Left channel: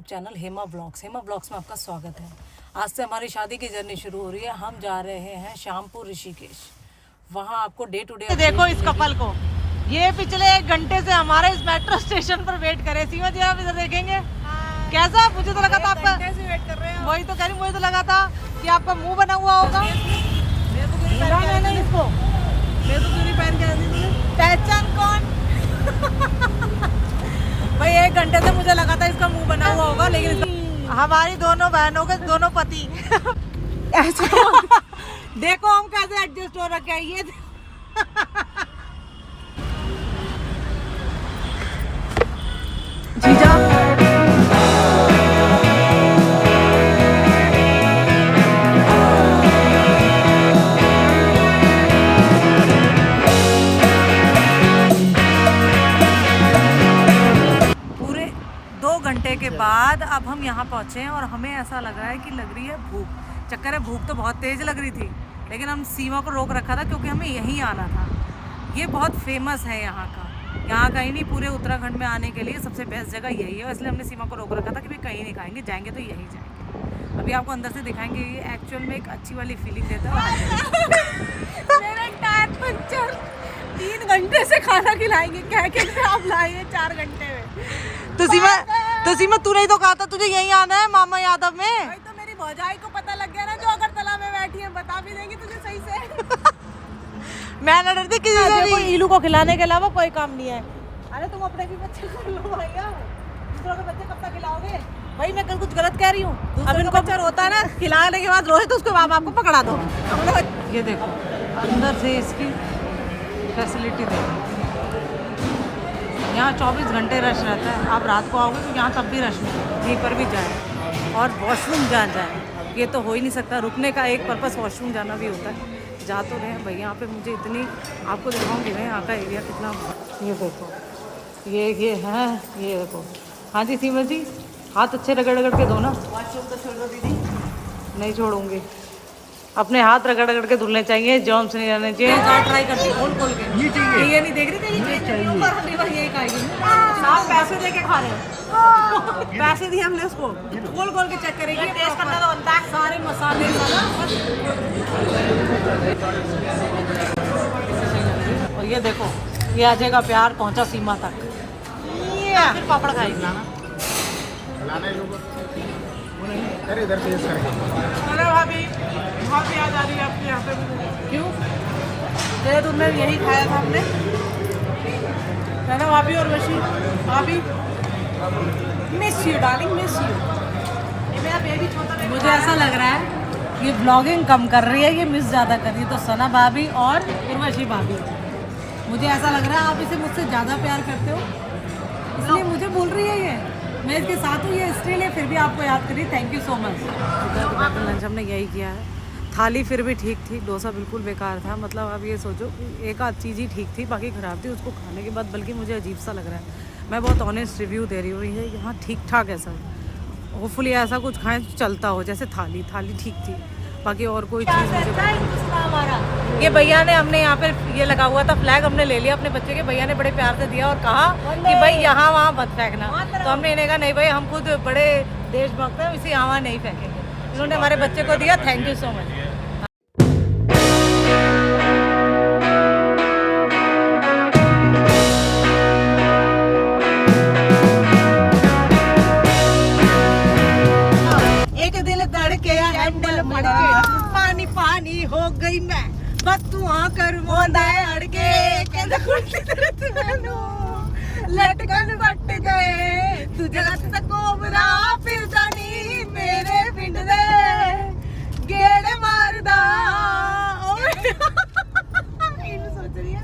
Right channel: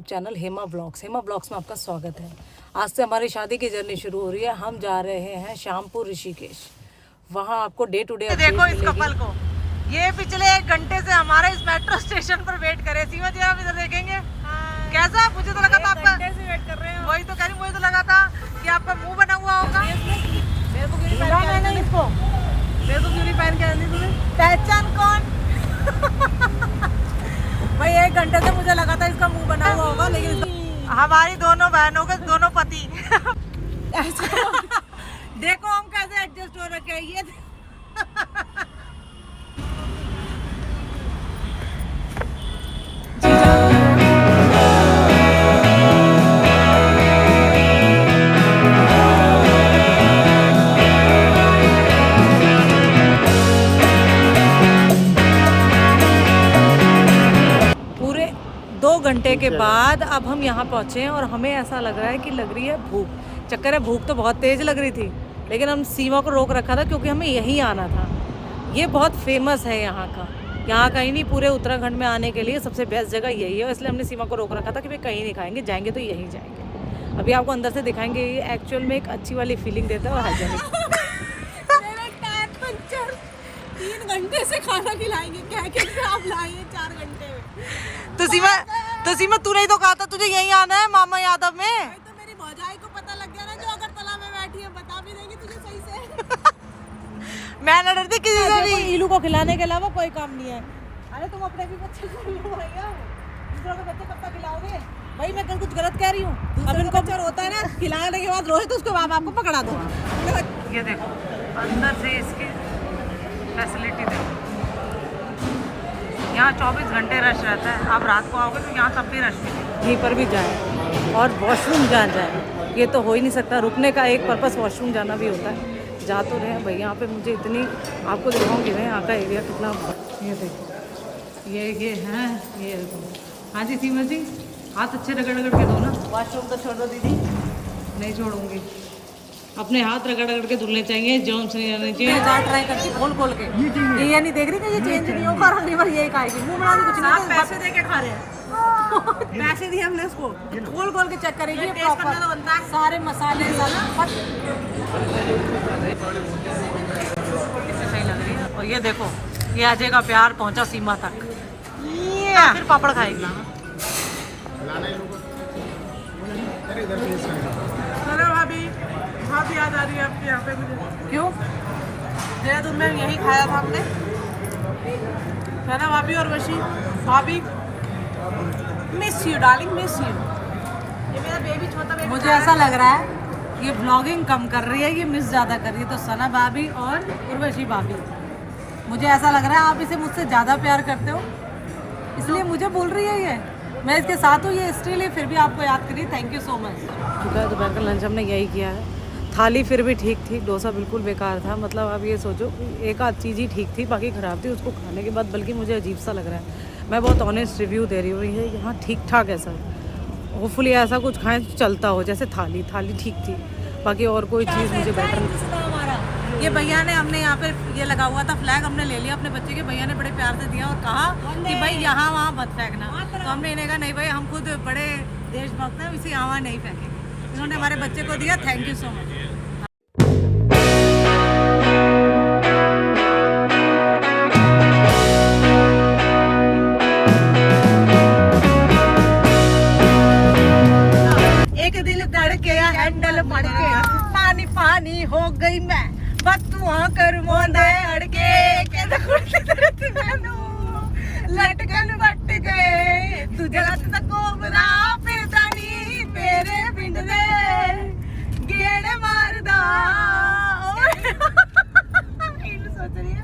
Channel Hema blogs में आपका स्वागत है। आज से हमारी शादी की जर्नी शुरू हो रही है। हम जा रहे हैं शामपुर ऋषिकेश। वहाँ आपको डे टू डे देखो इस कपल को, ये पिछले 1 घंटे से हमारे इस मेट्रो स्टेशन पर वेट करे। सीमा जी आप इधर देखेंगे कैसा, मुझे तो लगा था आपका से वेट कर रहे हैं। वही तो कह रही, मुझे तो लगा था कि आपका मुंह बना हुआ होगा। मेरे को क्यों नहीं पहन के आई तुम्हें पहचान कौन? भाई 1 घंटे से मुझे लगा था इसका मुंह बना हुआ होगा, लेकिन हमारी दोनों बहनों के दोनों पति देखो हम कैसे एडजस्ट हो रखे हैं। ये पूरे 2 घंटे के बाद अब हम यहाँ पहुँचे हैं और हमें ऐसा लग रहा है कि लग रही है भूख। चक्कर है, भूख तो बहुत तेज लग रही थी, लेकिन हम सीमा को रोक रखा था क्योंकि हमें यहीं आना था। ये बहुत फेमस है यहाँ का, यहाँ कहीं नहीं, पूरे उत्तराखंड में आने के लिए सबसे बेस्ट जगह यही है। इसलिए हमने सीमा को रोक रखा था कि भाई कहीं नहीं खाएंगे, जाएंगे तो यहीं जाएंगे। अभी आपको अंदर से दिखाएंगे, ये एक्चुअल में एक अच्छी वाली फीलिंग देता है। मेरा टायर पंचर, 3 घंटे से खाना खिलाएंगे, क्या आप लाए 4 घंटे में। तो सीमा तूने ही तो कहा था तुझे यहीं आना है मामा यादव में। तो मेरी भौजाई को पता लग गया ना, जो अगरतला में बैठी है, बता भी देंगी तुझे सही से। मैं न डरती किसी से भी। इलू को खिलाने के अलावा कोई काम नहीं है। अरे तुम अपने भी बच्चे को लो भैया, दूसरों के बच्चे कब तक खिलाओगे? भाई मैं कुछ गलत कह रही हूँ। अब इनको बच्चा रोता है ना, खिलाने के बाद रोए तो उसके बाप आपको पकड़ा दो। ये देखो अंदर से इसकी फैसिलिटी देखो। यहाँ 24 घंटे रश रहता है। आप रात को आओगे तो यहाँ तब भी रश नहीं, कहीं पर भी जाए और वॉशरूम जहाँ जाए, ये तो हो ही नहीं सकता। रुकने का एक पर्पस वॉशरूम जाना भी होता है। जा तो रहे हैं भाई, यहाँ पे मुझे इतनी आपको दिखाऊंगी मैं यहाँ का एरिया कितना। ये देखो ये है, ये देखो। हाँ जी सीमा जी, हाथ अच्छे रगड़ रगड़ के धोना। वॉशरूम तो छोड़ दो दीदी। नहीं छोड़ूंगी, अपने हाथ रगड़ रगड़ के धुलने चाहिए, जर्म्स नहीं रहने चाहिए। ट्राई करती खोल के, ये नहीं देख रही थी, ये चेंज नहीं होगा। अगली बार यही खाएगी, मुंह बना के कुछ नहीं। आप पैसे दे के खा रहे हैं। पैसे दिए हमने उसको, खोल के चेक करेगी। सारे मसाले सही लग रही है। और ये देखो, ये अजय का प्यार पहुंचा सीमा तक। ये फिर पापड़ खाएगी। भाभी बहुत याद आ रही है आपकी यहाँ पे मुझे। क्यों? देहरादून में यही खाया था हमने, है ना भाभी? और वशी भाभी, miss you darling, miss you. मुझे ऐसा लग रहा है ये ब्लॉगिंग कम कर रही है, ये मिस ज़्यादा कर रही है। तो सना भाभी और उर्वशी भाभी, मुझे ऐसा लग रहा है आप इसे मुझसे ज़्यादा प्यार करते हो, इसलिए मुझे बोल रही है। ये मैं इसके साथ हूँ, ये इसलिए फिर भी आपको याद करिए। Thank you so much. दोपहर का लंच हमने यही किया है। थाली फिर भी ठीक थी, डोसा बिल्कुल बेकार था। मतलब आप ये सोचो, एक आध चीज़ ही ठीक थी, बाकी ख़राब थी। उसको खाने के बाद बल्कि मुझे अजीब सा लग रहा है। मैं बहुत ऑनेस्ट रिव्यू दे रही हूँ, ये यहाँ ठीक ठाक है सब। होपफुली ऐसा कुछ खाएं तो चलता हो। जैसे थाली ठीक थी, बाकी और कोई चीज़ मुझे बेटर नहीं। ये भैया ने, हमने यहाँ पे ये लगा हुआ था फ्लैग, हमने ले लिया अपने बच्चे के। भैया ने बड़े प्यार से दिया और कहा कि भाई यहाँ वहाँ मत फेंकना। तो हमने इन्हें कहा नहीं भाई, हम खुद बड़े देशभक्त हैं, इसे यहाँ नहीं फेंकेंगे। उन्होंने हमारे बच्चे को दिया। Thank you so much. पानी पानी हो गई मैं, बतुआ कर मोंदे अड़के लटकन बट गए तुझे लट कोबरा फिरदानी मेरे पिंड दे गेड़े मारदा। सोच रही है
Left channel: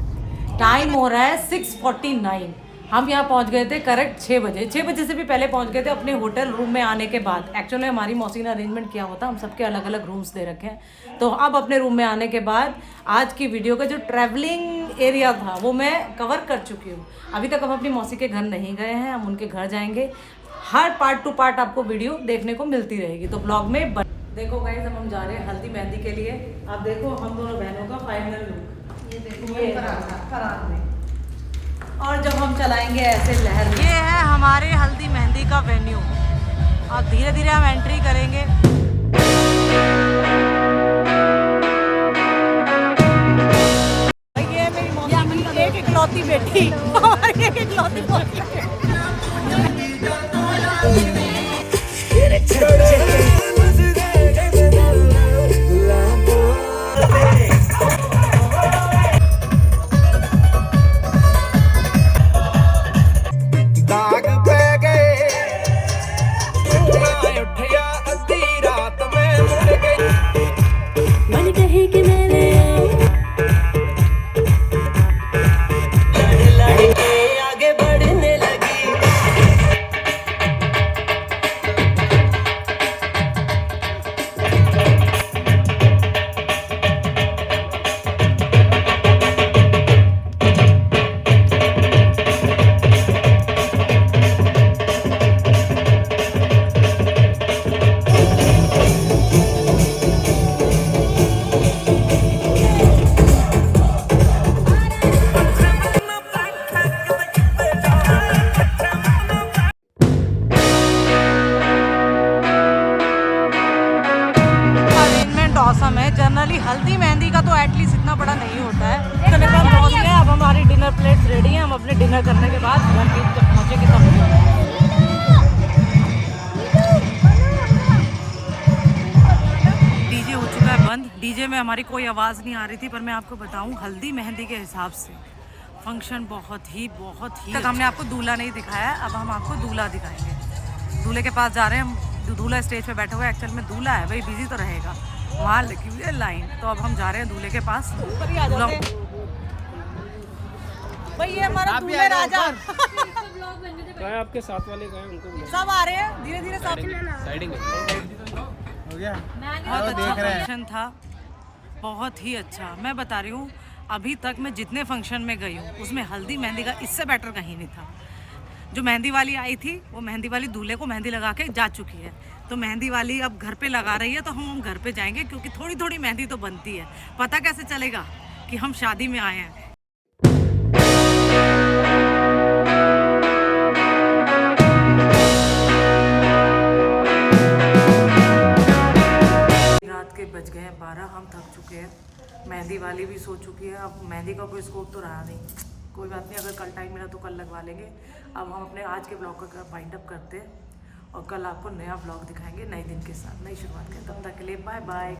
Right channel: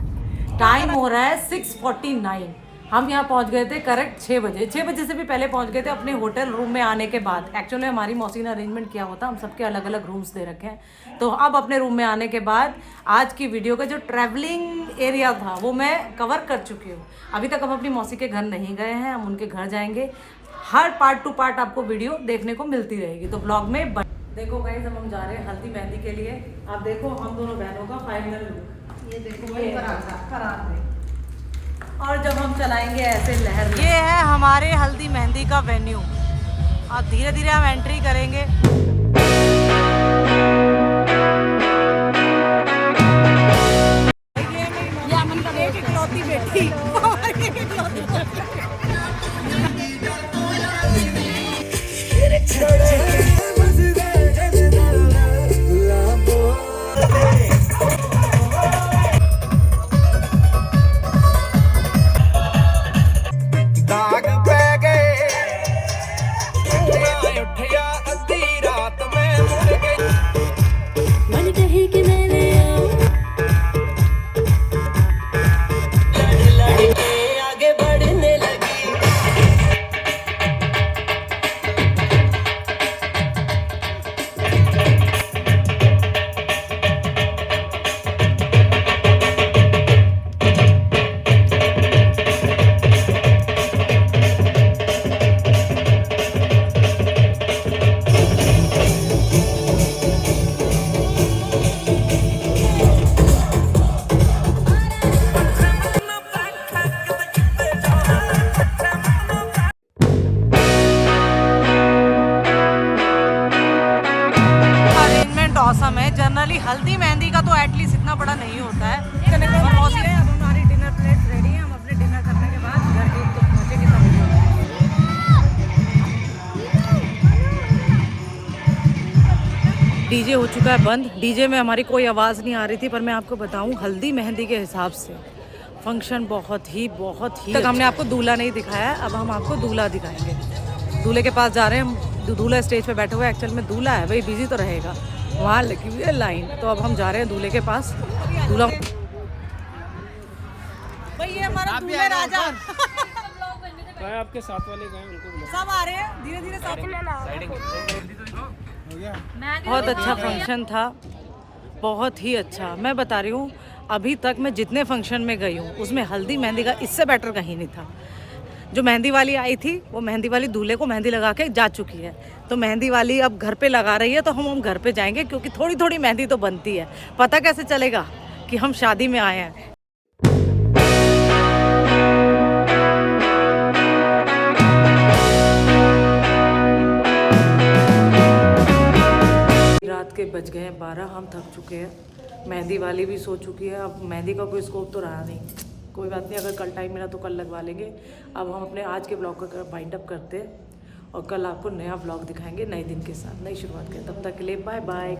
टाइम हो रहा है 6:49। हम यहाँ पहुँच गए थे करेक्ट 6 बजे। 6 बजे से भी पहले पहुँच गए थे अपने होटल रूम में आने के बाद। एक्चुअली हमारी मौसी ने अरेंजमेंट किया होता, हम सबके अलग अलग रूम्स दे रखे हैं। तो अब अपने रूम में आने के बाद आज की वीडियो का जो ट्रैवलिंग एरिया था वो मैं कवर कर चुकी हूँ। अभी तक हम अपनी मौसी के घर नहीं गए हैं, हम उनके घर जाएंगे। हर पार्ट टू पार्ट आपको वीडियो देखने को मिलती रहेगी, तो ब्लॉग में देखो गाइस। हम जा रहे हैं हल्दी मेहंदी के लिए। आप देखो हम दोनों बहनों का फाइनल लुक, ये देखो वही फराक में। और जब हम चलाएंगे ऐसे लहर, ये है हमारे हल्दी मेहंदी का वेन्यू। धीरे धीरे हम एंट्री करेंगे। ये मेरी मम्मी की एक इकलौती बेटी, हमारी एक इकलौती मन कहे कि मैंने लड़के आगे बढ़ने लगी। ऑसम है। जनरली हल्दी मेहंदी का तो एटलीस्ट इतना बड़ा नहीं होता है। अब हमारी डिनर प्लेट रेडी है। हम अपने डिनर करने के बाद घर के जब पहुँचेंगे तब डीजे हो चुका है बंद। डीजे में हमारी कोई आवाज़ नहीं आ रही थी, पर मैं आपको बताऊं हल्दी मेहंदी के हिसाब से फंक्शन बहुत ही तक हमने आपको दूल्हा नहीं दिखाया। अब हम आपको दूल्हा दिखाएंगे। दूल्हे के पास जा रहे हैं हम। दूल्हा स्टेज पे बैठा हुआ है। एक्चुअल में दूल्हा है, भाई बिजी तो रहेगा, वहाँ लगी हुई है लाइन। तो अब हम जा रहे हैं दूल्हे के पास। दूल्हा भाई ये हमारा दूल्हे राजा आपके साथ वाले गए उनको सब आ रहे हैं धीरे धीरे सब। हो गया। बहुत अच्छा फंक्शन था, बहुत ही अच्छा। मैं बता रही हूँ अभी तक मैं जितने फंक्शन में गई हूँ उसमें हल्दी मेहंदी का इससे बेटर कहीं नहीं था। जो मेहंदी वाली आई थी वो मेहंदी वाली दूल्हे को मेहंदी लगा के जा चुकी है, तो मेहंदी वाली अब घर पे लगा रही है। तो हम घर पे जाएंगे क्योंकि थोड़ी थोड़ी मेहंदी तो बनती है। पता कैसे चलेगा कि हम शादी में आए हैं। रात के बज गए हैं 12, हम थक चुके हैं। मेहंदी वाली भी सो चुकी है। अब मेहंदी का कोई स्कोप तो रहा नहीं, कोई बात नहीं, अगर कल टाइम मिला तो कल लगवा लेंगे। अब हम अपने आज के ब्लॉग का वाइंड अप करते हैं और कल आपको नया ब्लॉग दिखाएंगे नए दिन के साथ, नई शुरुआत करें। तब तक के लिए बाय बाय।